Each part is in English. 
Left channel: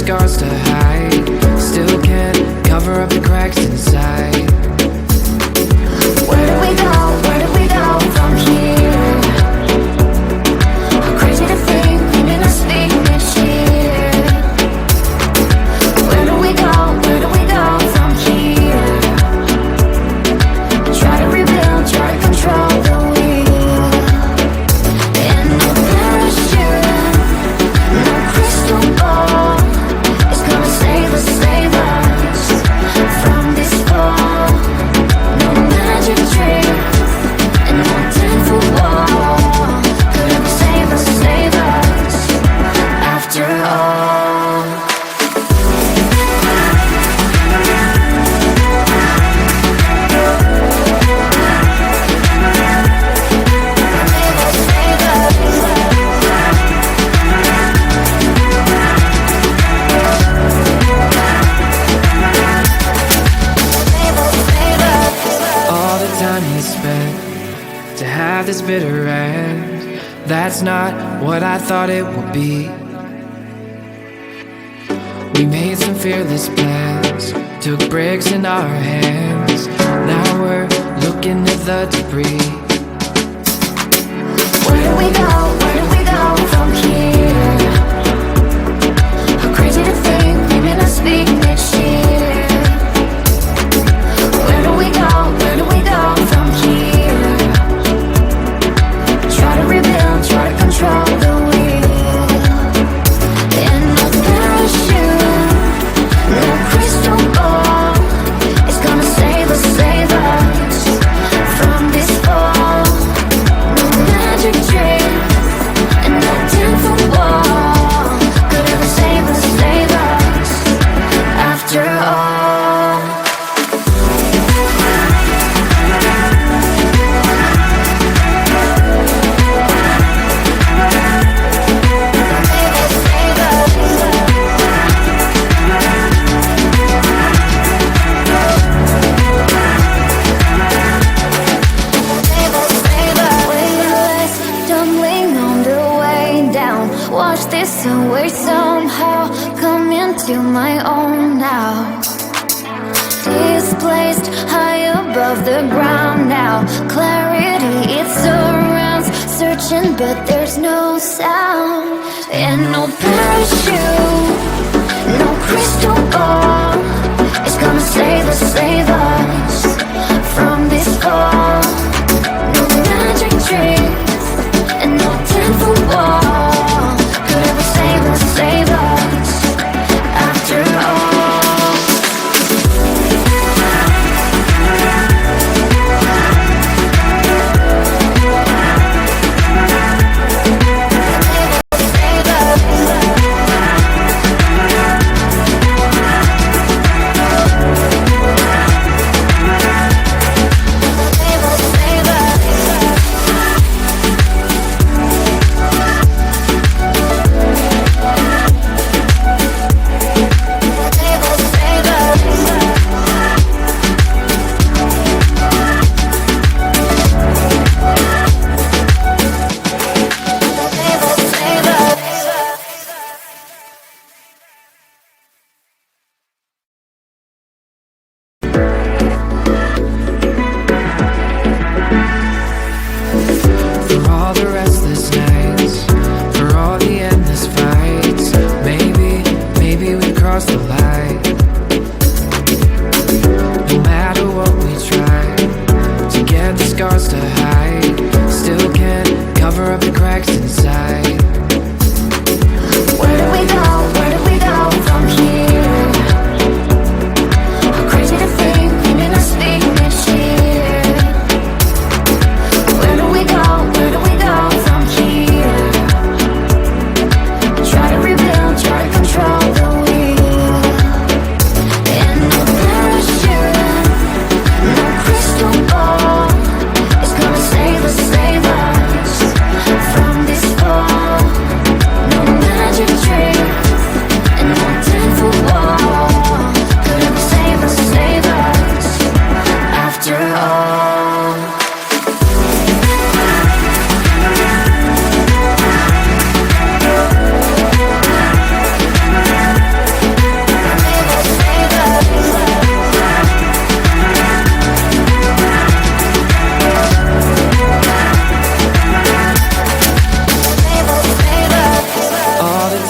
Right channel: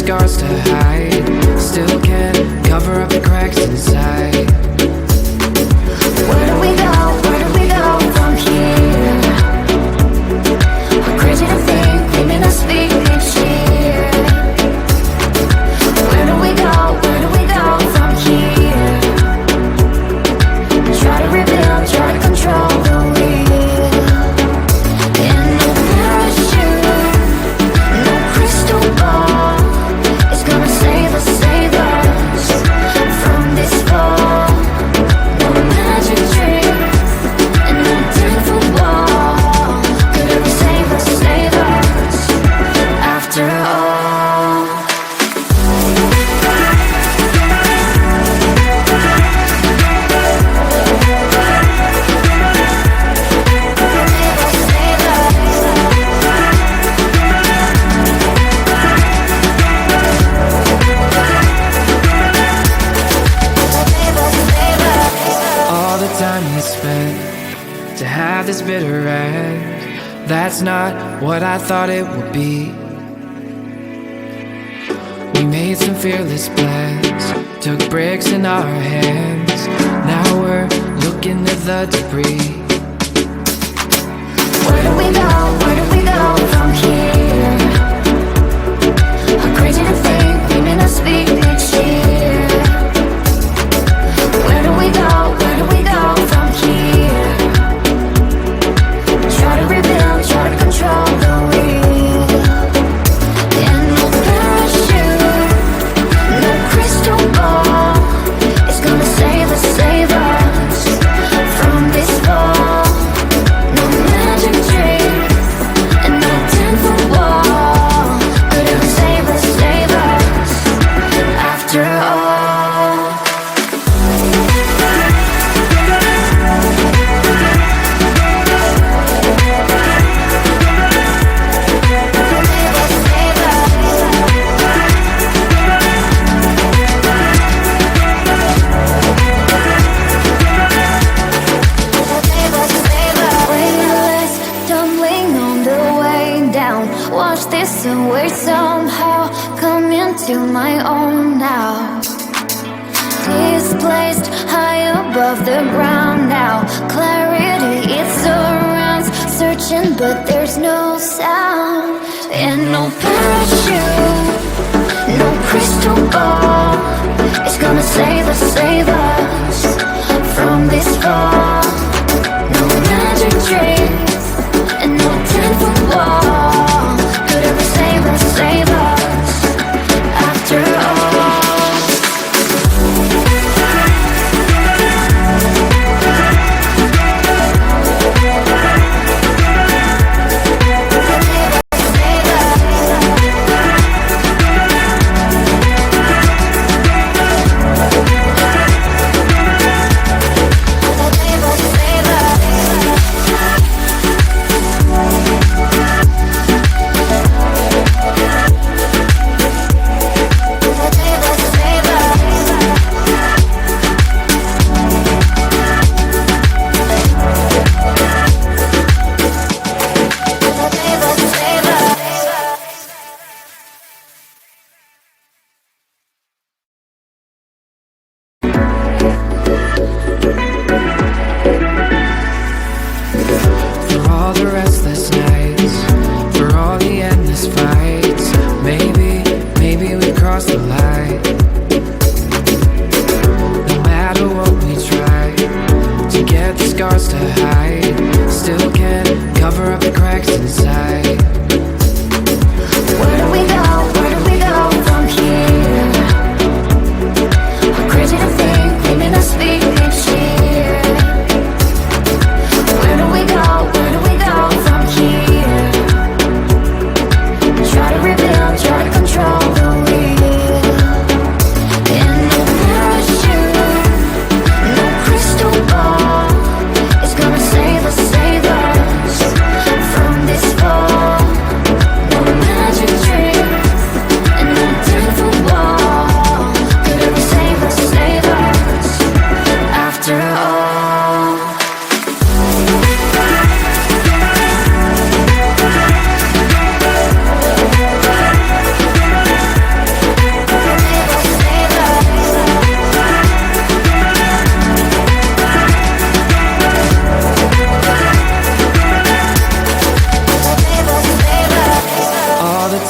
scars to hide. Still can't cover up the cracks inside. Where do we go? Where do we go from here? How crazy to think we may not speak next year. Where do we go? Where do we go from here? Try to rebuild, try to control the wheel. And no parachute, no crystal ball is gonna save us from this fall. No magic trick and no 10-foot wall could ever save us after all. All the time we spent to have this bitter end, that's not what I thought it would be. We made some fearless plans, took bricks in our hands. Now we're looking at the debris. Where do we go? Where do we go from here? How crazy to think we may not speak next year. Where do we go? Where do we go from here? Try to rebuild, try to control the wheel. And no parachute, no crystal ball is gonna save us from this fall. No magic trick and no 10-foot wall could ever save us after all. Watch this away somehow, come into my own now. Displaced high above the ground now. Clarity, it surrounds, searching but there's no sound. And no parachute, no crystal ball is gonna save us from this fall. No magic tricks and no 10-foot wall could ever save us after all. Scars to hide, still can't cover up the cracks inside. Where do we go? Where do we go from here? How crazy to think we may not speak next year. Where do we go? Where do we go from here? Try to rebuild, try to control the wheel. And no parachute, no crystal ball is gonna save us from this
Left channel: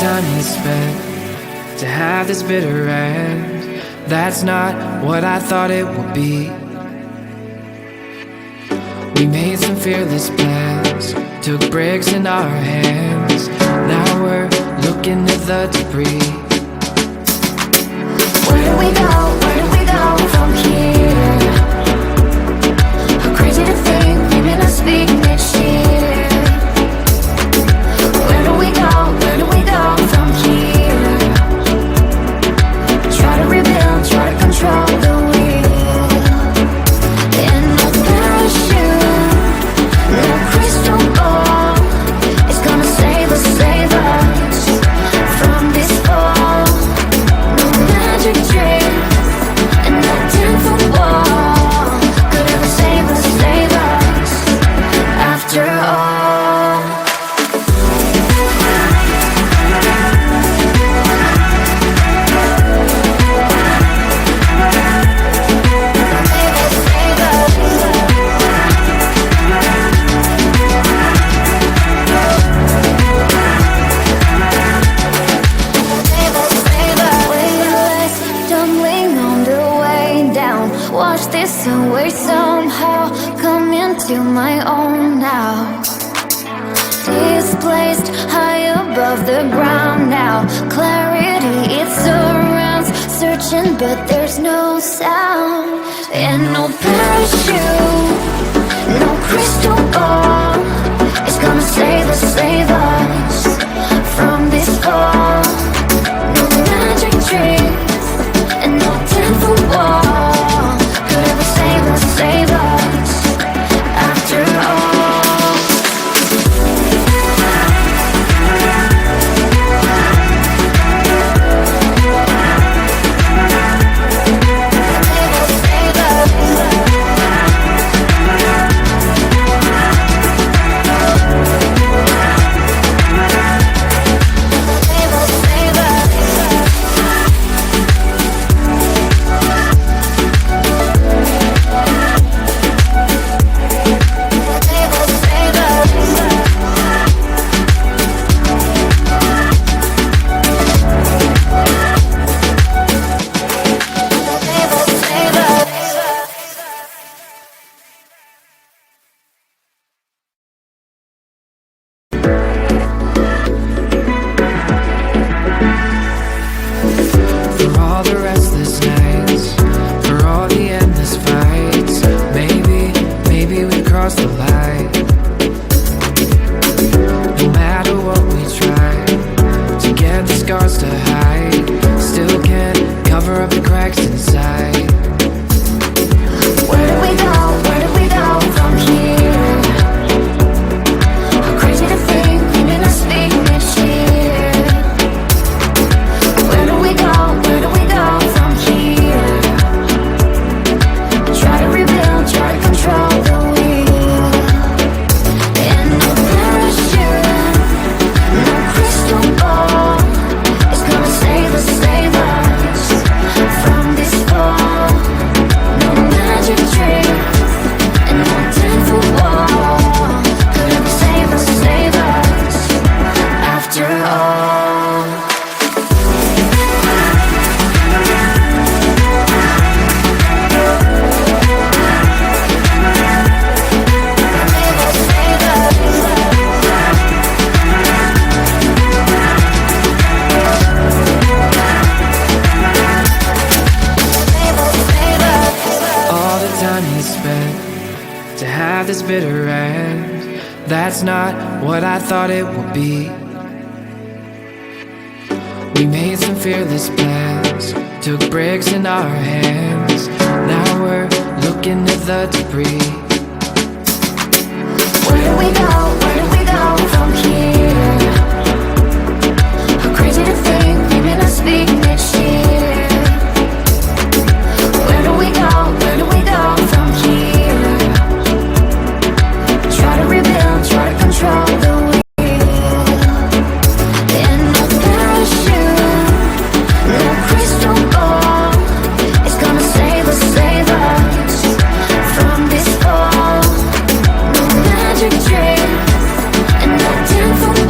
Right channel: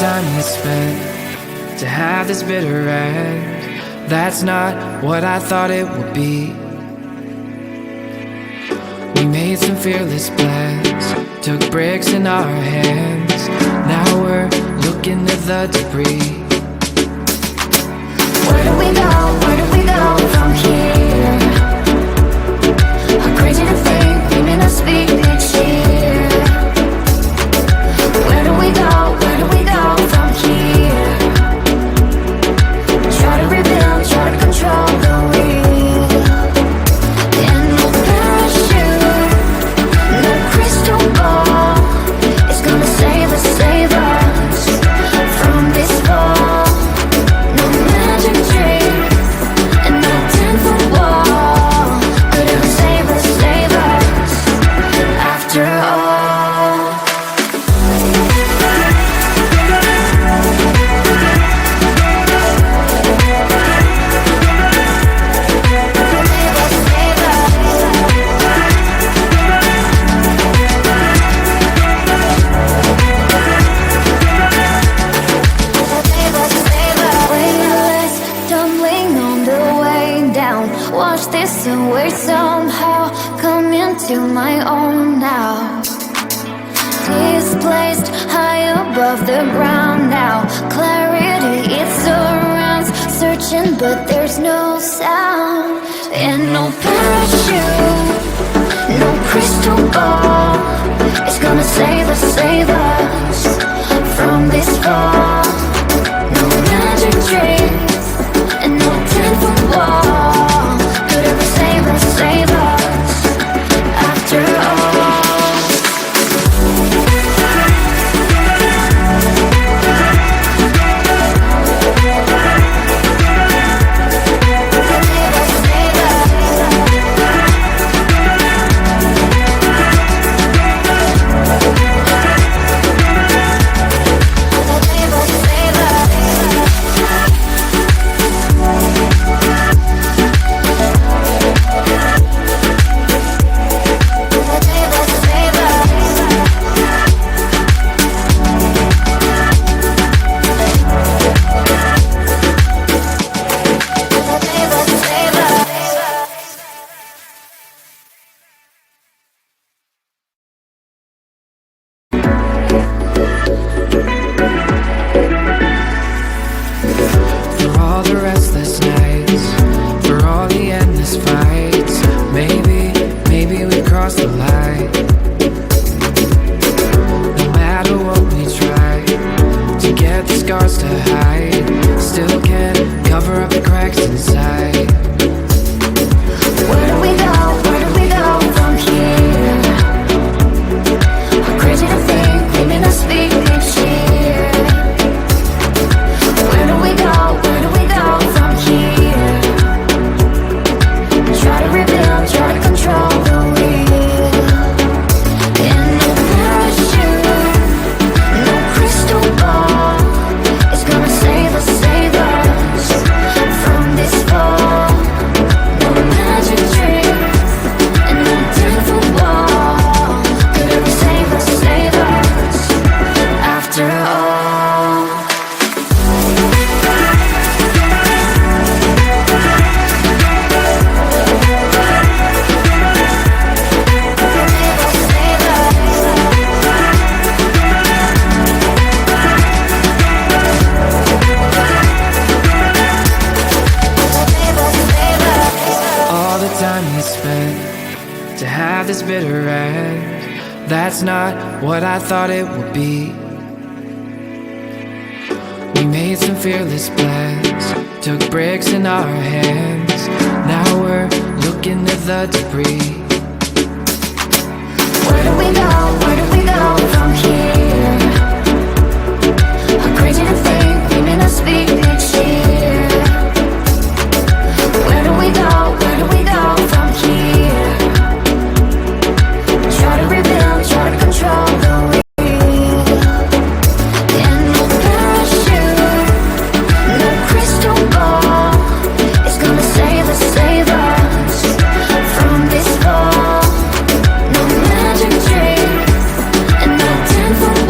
time we spent to have this bitter end, that's not what I thought it would be. We made some fearless plans, took bricks in our hands. Now we're looking at the debris. Where do we go? Where do we go from here? How crazy to think we may not speak next year. Where do we go? Where do we go from here? Try to rebuild, try to control the wheel. And no parachute, no crystal ball is gonna save us from this fall. No magic trick and no 10-foot wall could ever save us after all. Wash this away somehow. Come into my own now. Displaced high above the ground now. Clarity, it surrounds. Searching, but there's no sound. And no parachute, no crystal ball is gonna save us from this fall. No magic tricks and no 10-foot wall could ever save us after all. The light. No matter what we try to get the scars to hide, still can't cover up the cracks inside. Where do we go? Where do we go from here? How crazy to think we may not speak next year. Where do we go? Where do we go from here? Try to rebuild, try to control the wheel. Time we spent to have this bitter end, that's not what I thought it would be. We made some fearless plans, took bricks in our hands. Now we're looking at the debris. Where do we go? Where do we go from here? How crazy to think we may not speak next year. Where do we go? Where do we go from here? Try to rebuild, try to control the wheel. And no parachute, no crystal ball is gonna save us from this fall. No magic trick and no 10-foot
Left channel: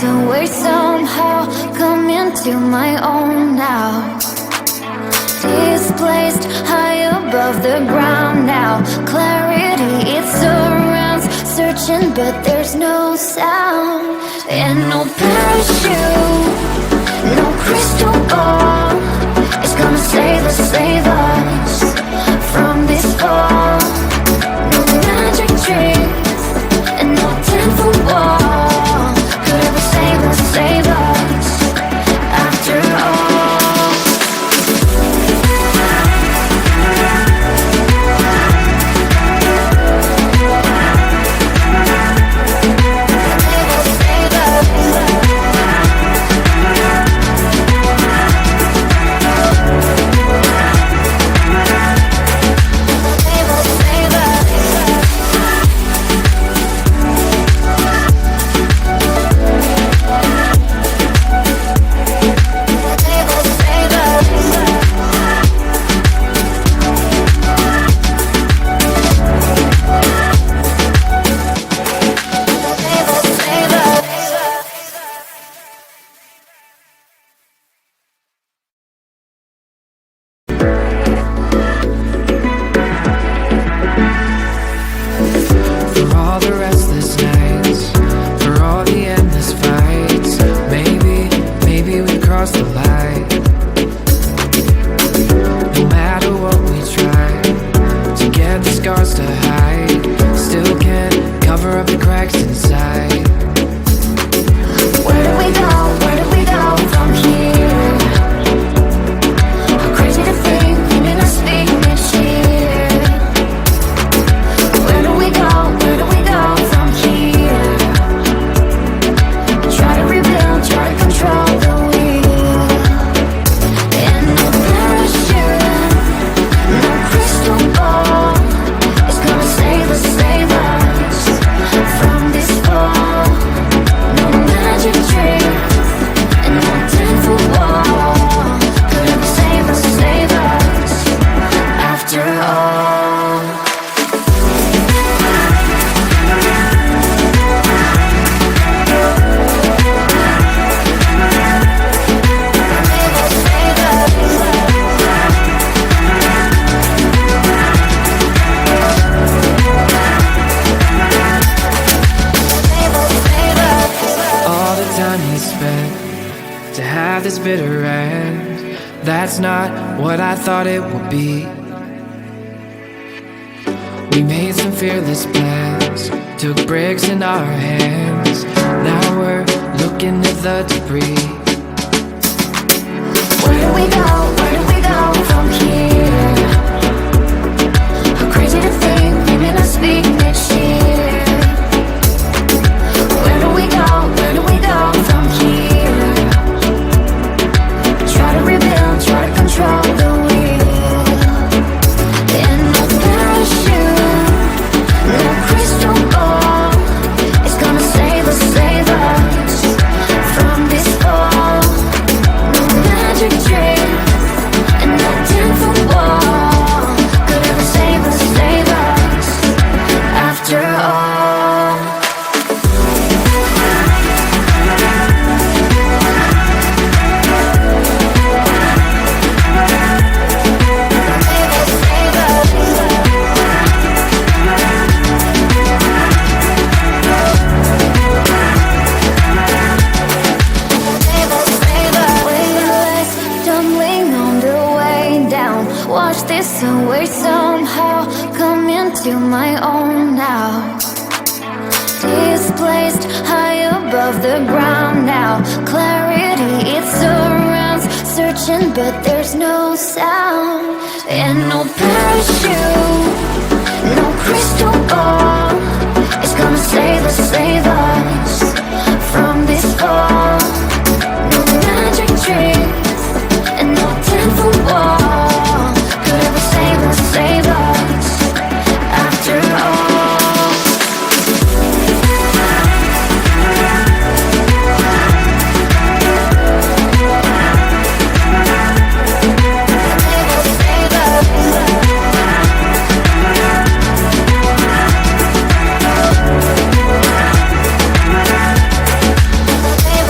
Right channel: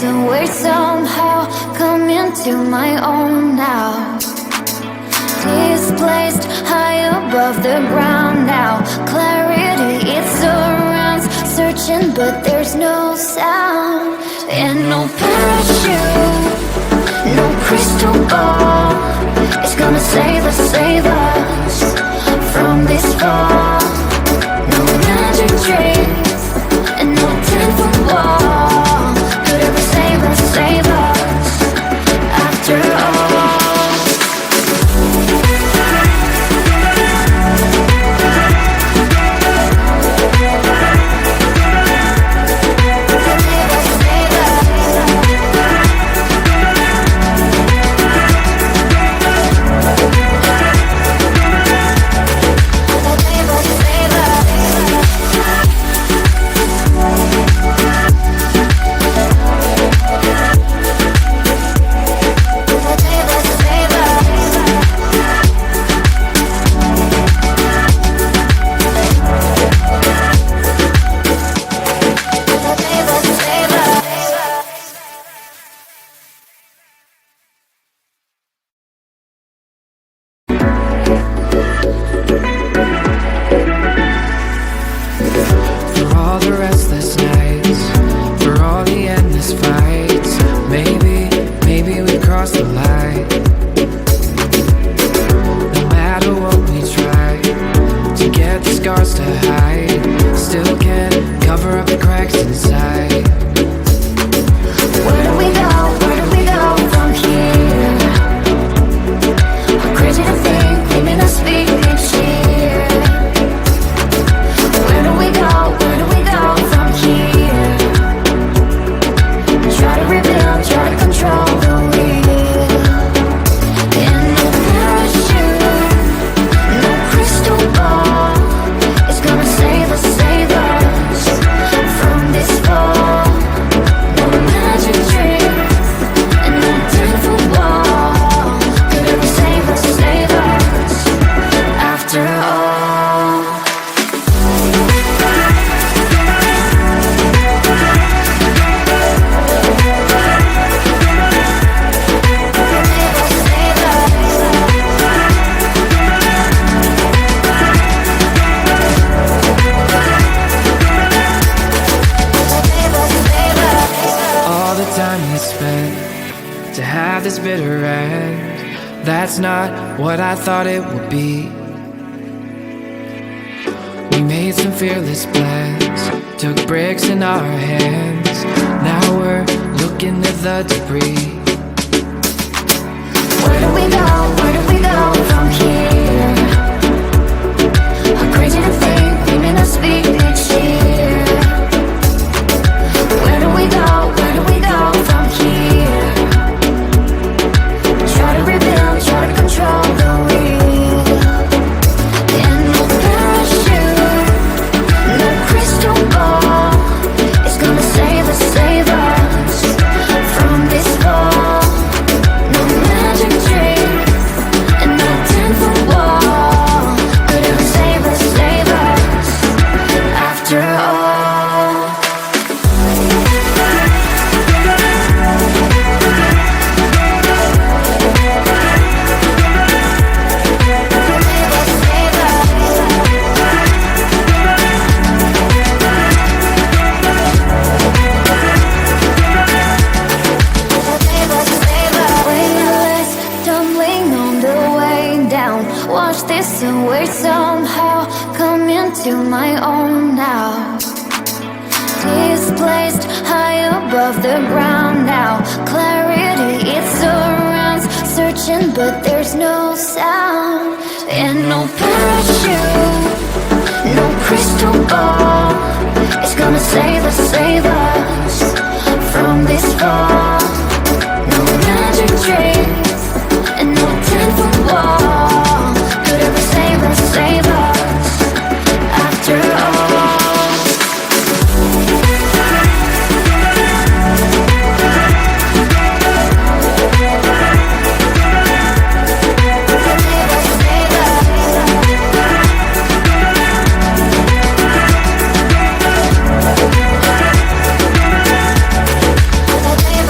this away somehow, come into my own now. Displaced high above the ground now. Clarity, it surrounds, searching but there's no sound. And no parachute, no crystal ball is gonna save us from this fall. No magic tricks and no 10-foot wall could ever save us after all. To have this bitter end, that's not what I thought it would be. We made some fearless plans, took bricks in our hands. Now we're looking at the debris. Where do we go? Where do we go from here? How crazy to think we may not speak next year. Where do we go? Where do we go from here? Try to rebuild, try to control the wheel. And no parachute, no crystal ball is gonna save us from this fall. No magic trick and no 10-foot wall could ever save us after all. Wash this away somehow, come into my own now. Displaced high above the ground now. Clarity, it surrounds, searching but there's no sound. And no parachute, no crystal ball is gonna save us from this fall. No magic tricks and no 10-foot wall could ever save us after all.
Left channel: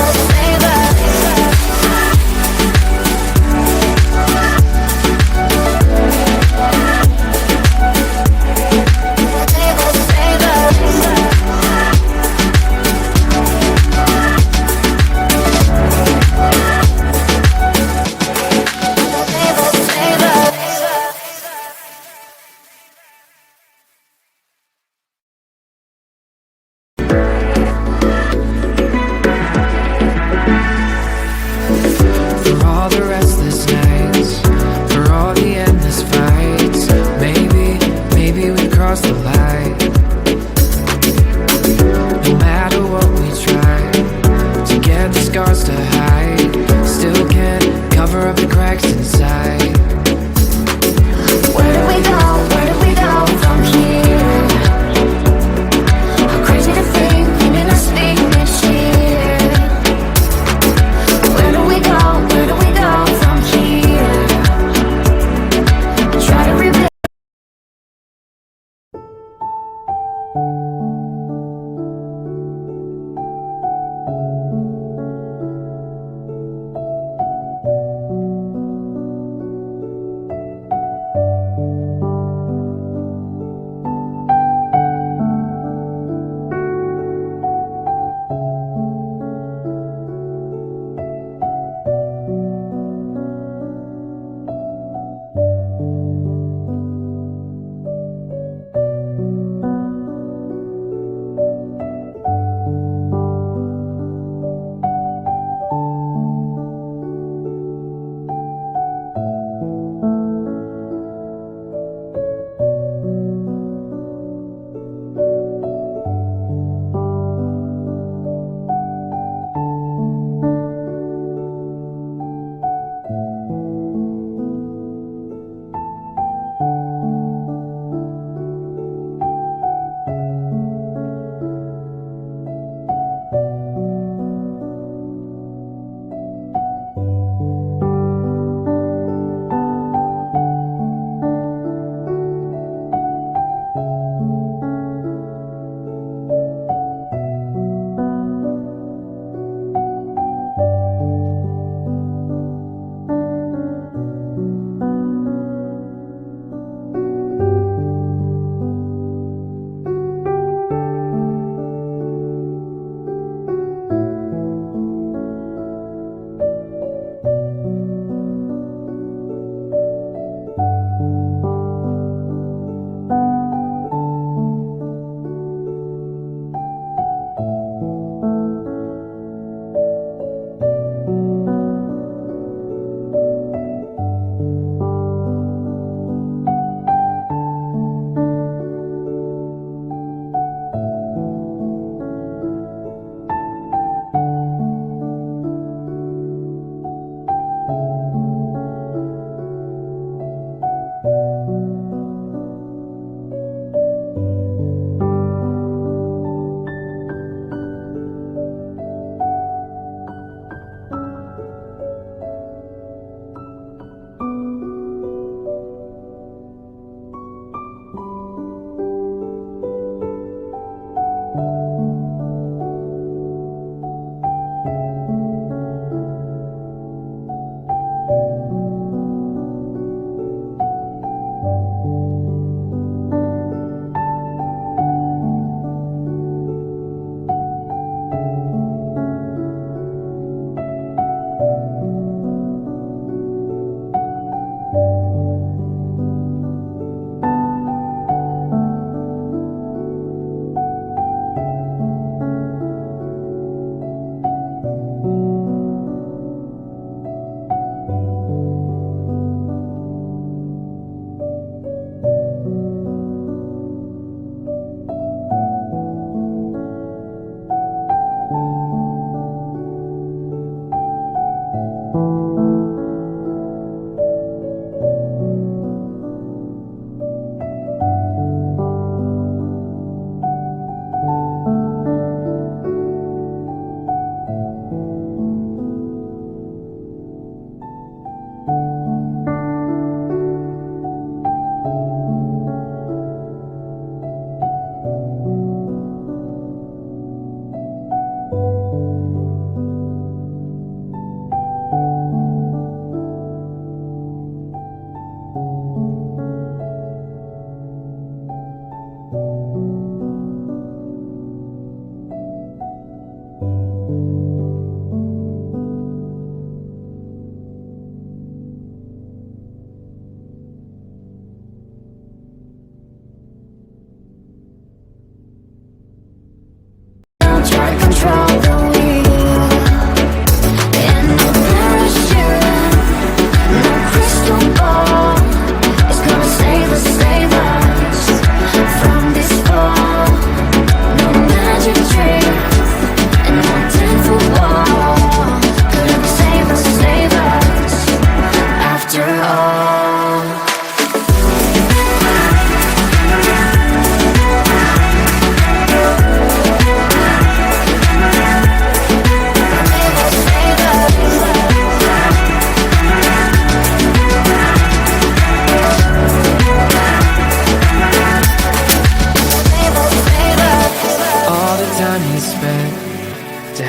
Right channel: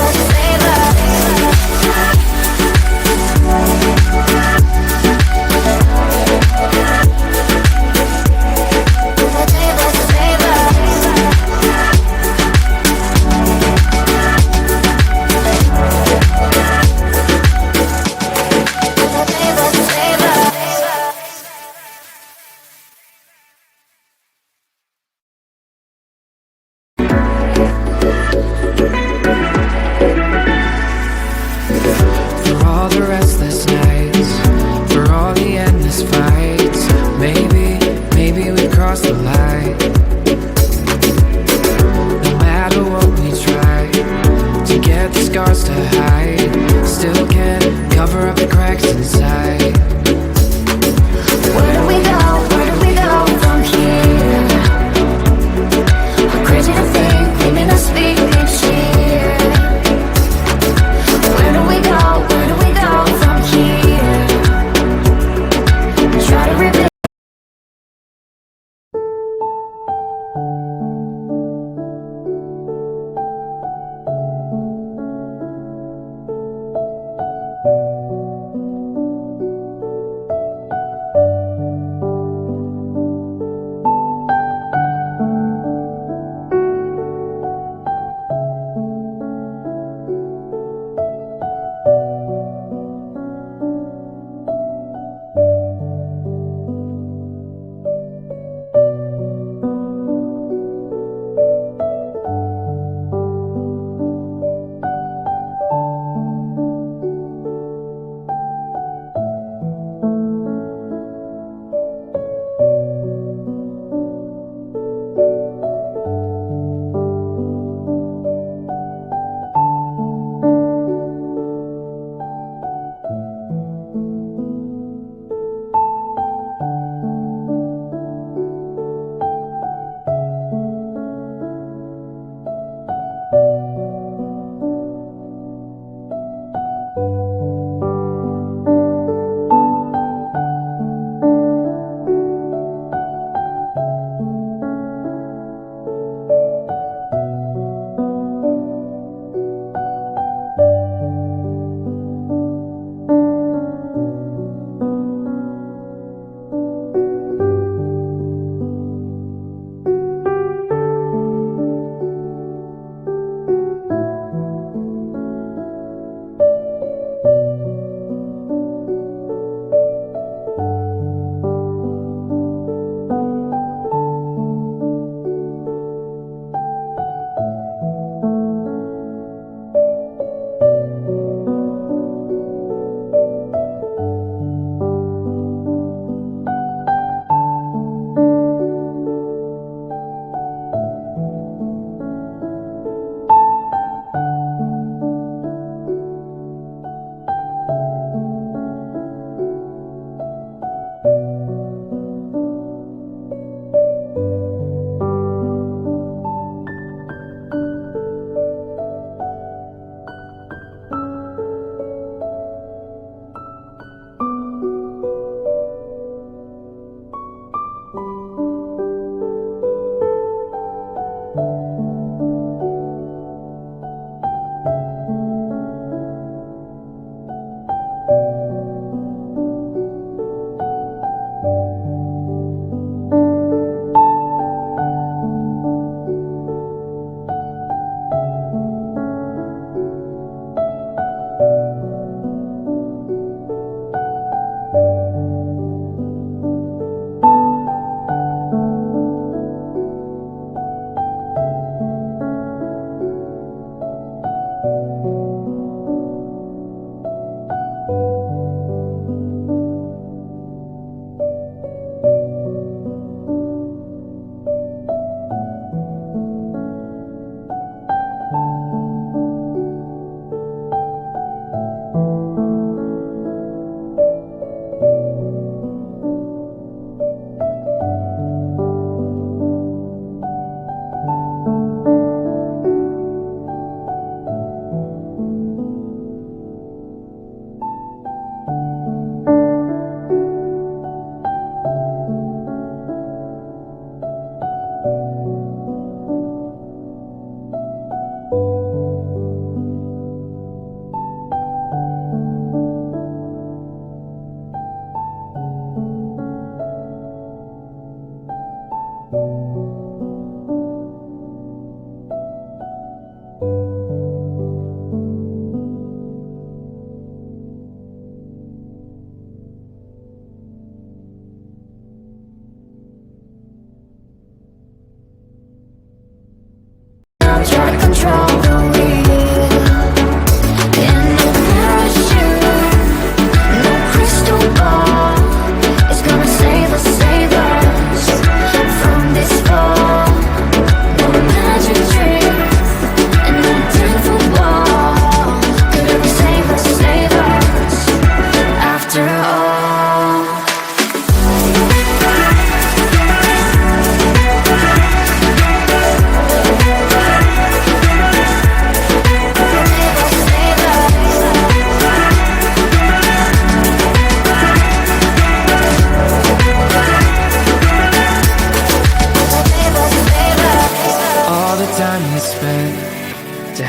got the scars to hide, still can't cover up the cracks inside. Where do we go? Where do we go from here? Crazy to think we may not speak next year. Where do we go? Where do we go from here? Try to rebuild.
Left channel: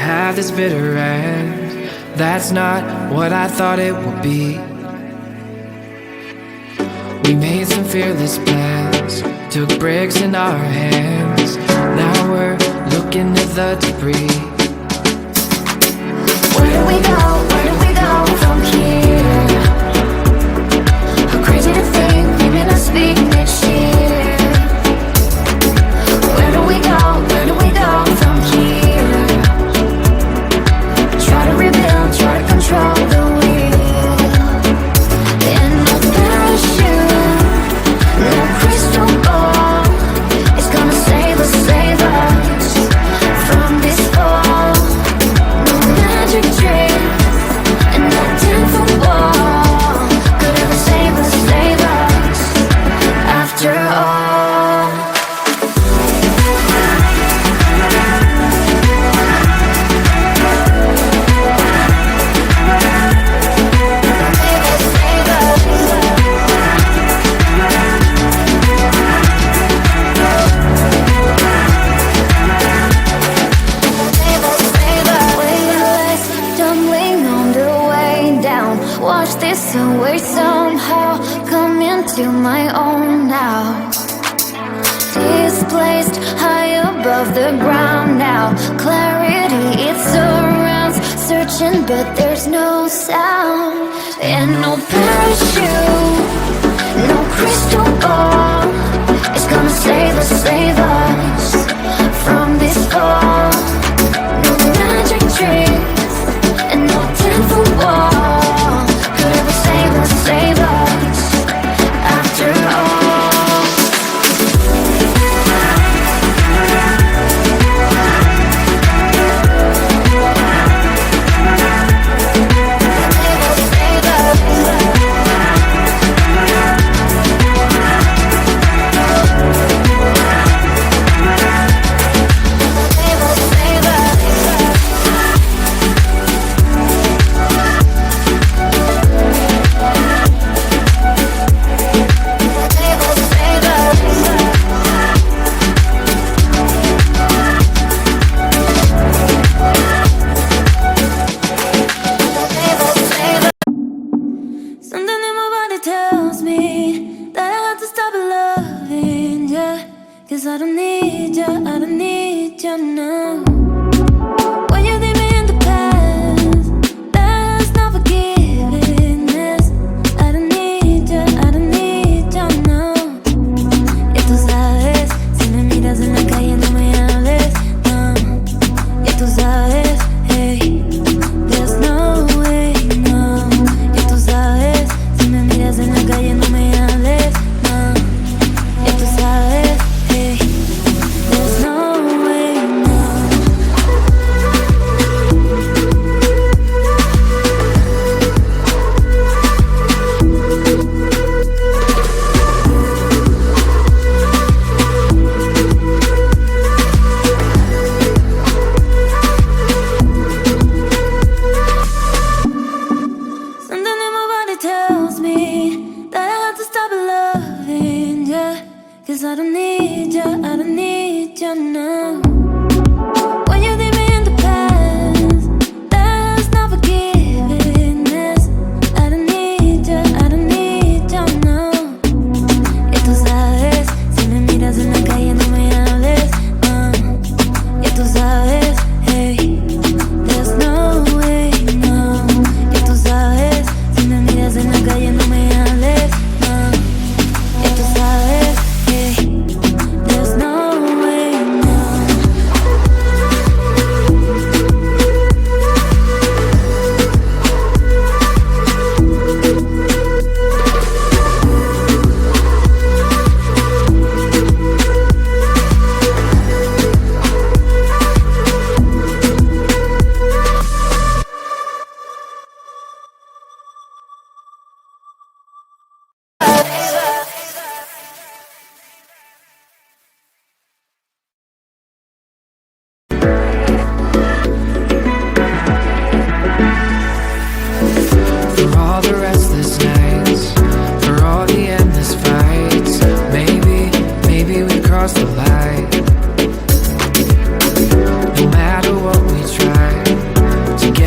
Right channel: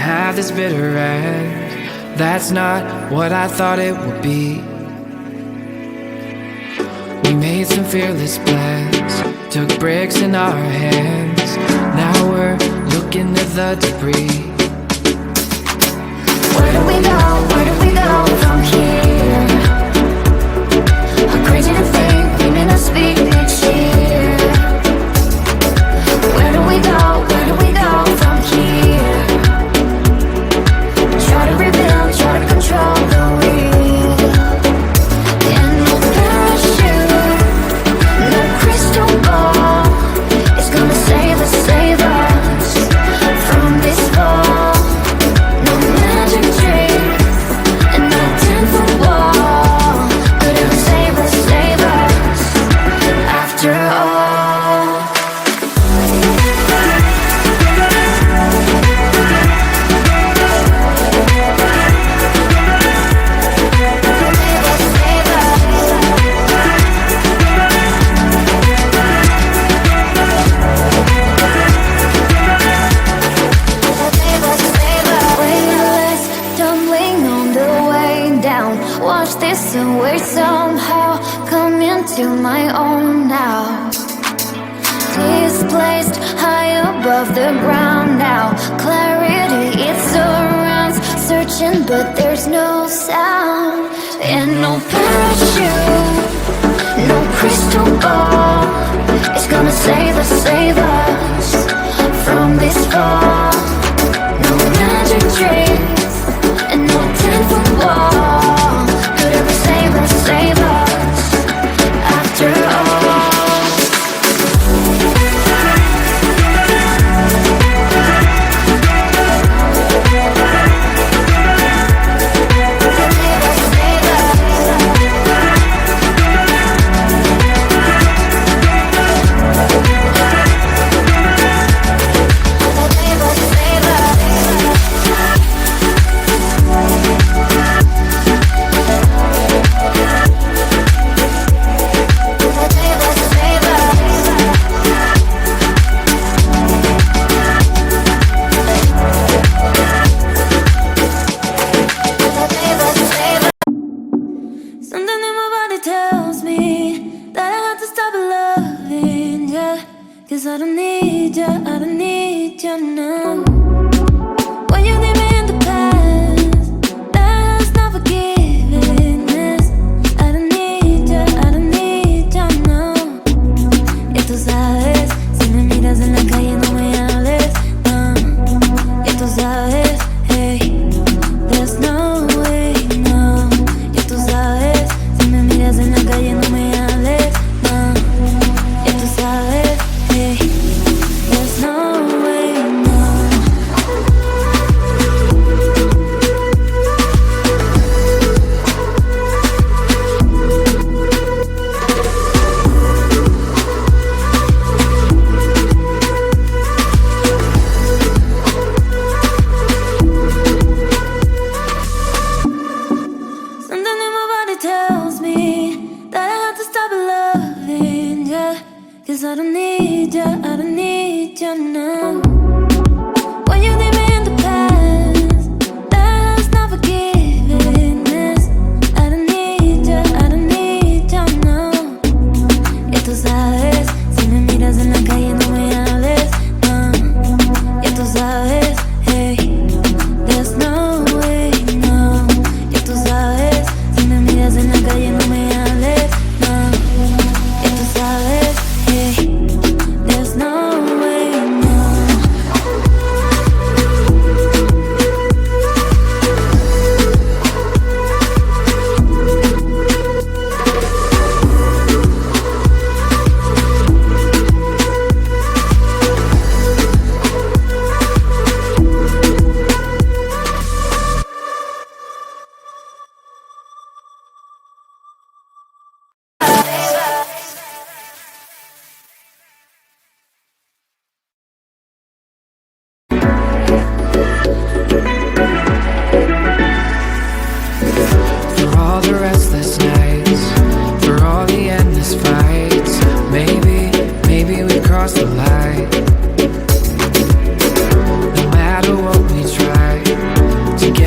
have this bitter end. That's not what I thought it would be. We made some fearless plans, took bricks in our hands. Now we're looking at the debris. Where do we go? Where do we go from here? How crazy to think, maybe not speak next year. Where do we go? Where do we go from here? Try to rebuild, try to control the wheel. And no parachute, no crystal ball is gonna save us from this fall. No magic trick and no 10-foot wall could ever save us after all. Watch this away somehow, come into my own now. Displaced high above the ground now. Clarity, it surrounds, searching but there's no sound. And no parachute, no crystal ball is gonna save us from this fall. No magic tricks and no 10-foot wall could ever save us after all. Cause I don't need you now. When you leave me in the past, that's not forgiveness. I don't need you now. Ya tú sabes, si me miras en la calle no me hables, no. Ya tú sabes, hey, there's no way, no. Ya tú sabes, si me miras en la calle no me hables, no. Ya tú sabes, hey, there's no way, no. Something in my body tells me that I have to stop loving you. Cause I don't need you now. When you leave me in the past, that's not forgiveness. I don't need you now. Ya tú sabes, si me miras en la calle no me hables, no. Ya tú sabes, hey, there's no way, no. Ya tú sabes, si me miras en la calle no me hables, no. Ya tú sabes, hey, there's no way, no. For all the restless nights, for all the endless fights, maybe we crossed the line. No matter what we try,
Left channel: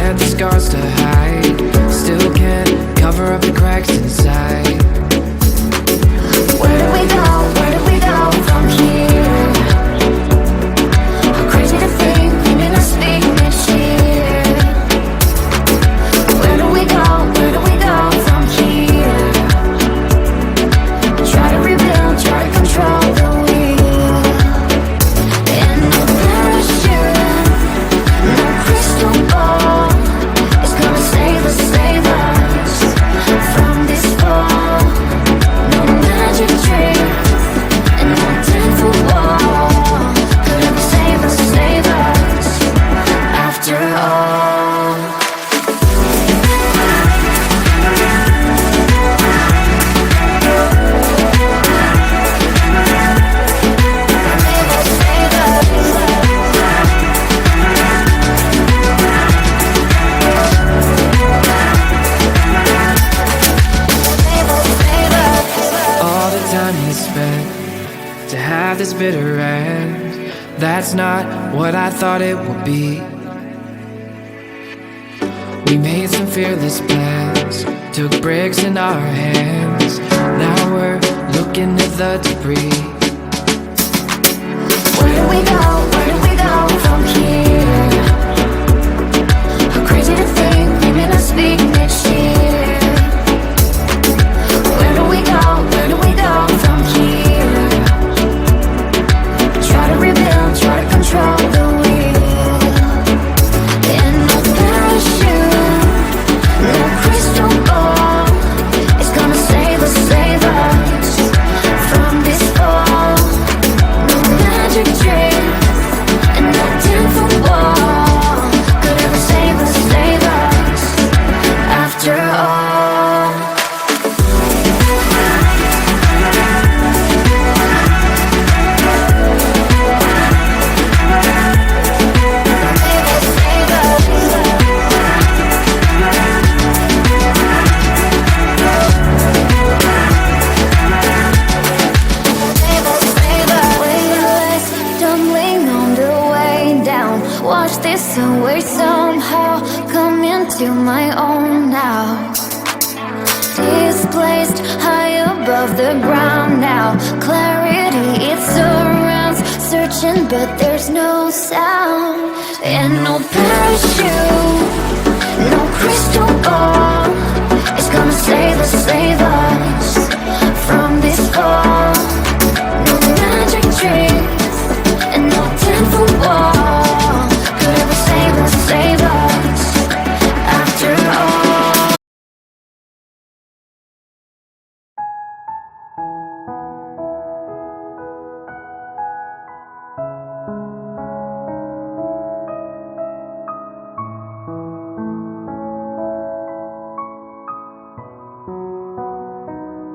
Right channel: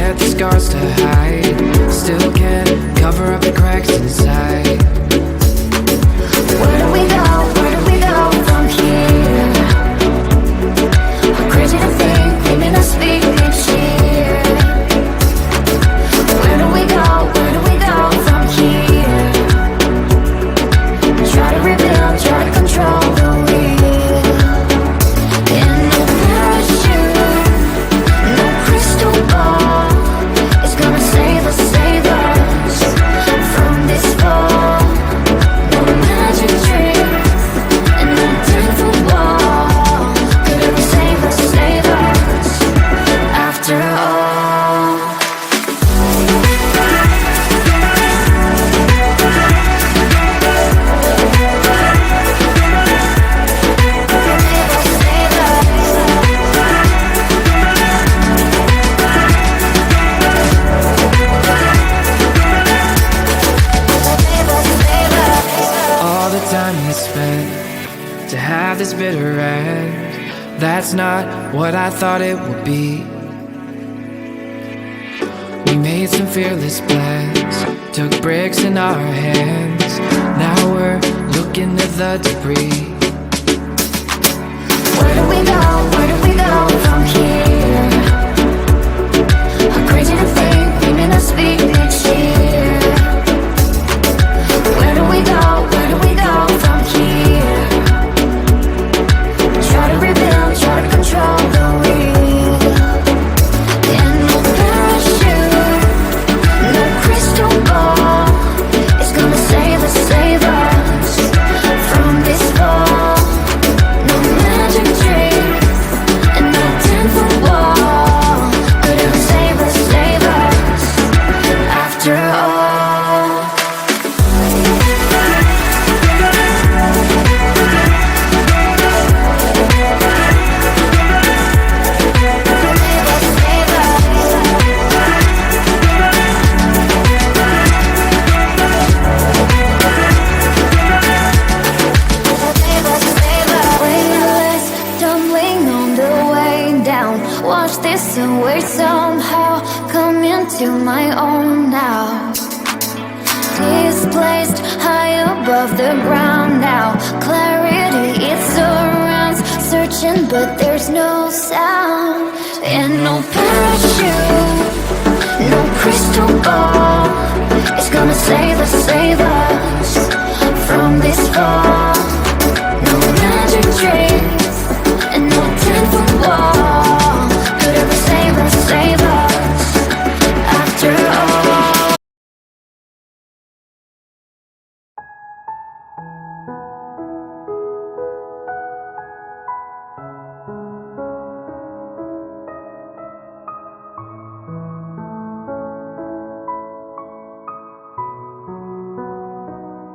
forget the scars to hide. Still can't cover up the cracks inside. Where do we go? Where do we go from here? Crazy to think we may not speak next year. Where do we go? Where do we go from here? Try to rebuild, try to control the wheel. And no parachute, no crystal ball is gonna save us from this fall. No magic trick and no 10-foot wall could ever save us after all. All the time we spent to have this bitter end, that's not what I thought it would be. We made some fearless plans, took bricks in our hands. Now we're looking at the debris. Where do we go? Where do we go from here? How crazy to think we may not speak next year. Where do we go? Where do we go from here? Try to rebuild, try to control the wheel. And no parachute, no crystal ball is gonna save us from this fall. No magic trick and no 10-foot wall could ever save us after all. Weightless, tumbling on the way down. Watch this away somehow, come into my own now. Displaced high above the ground now. Clarity, it surrounds, searching but there's no sound. And no parachute, no crystal ball is gonna save us from this fall. No magic tricks and no 10-foot wall could ever save us after all.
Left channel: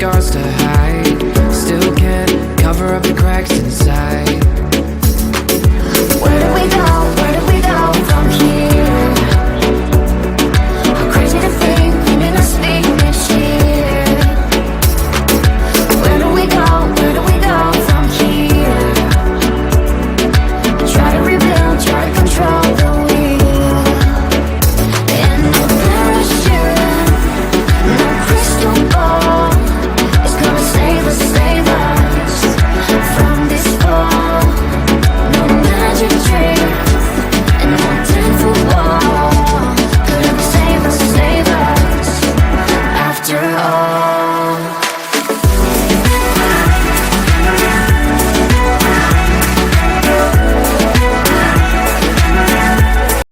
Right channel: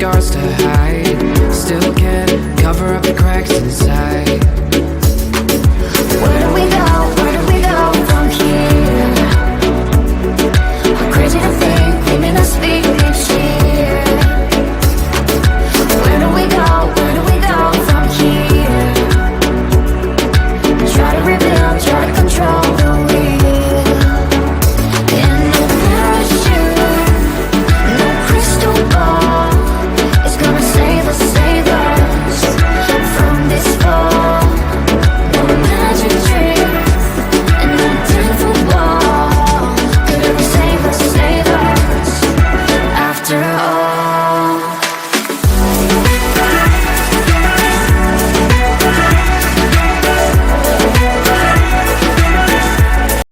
scars to hide. Still can't cover up the cracks inside.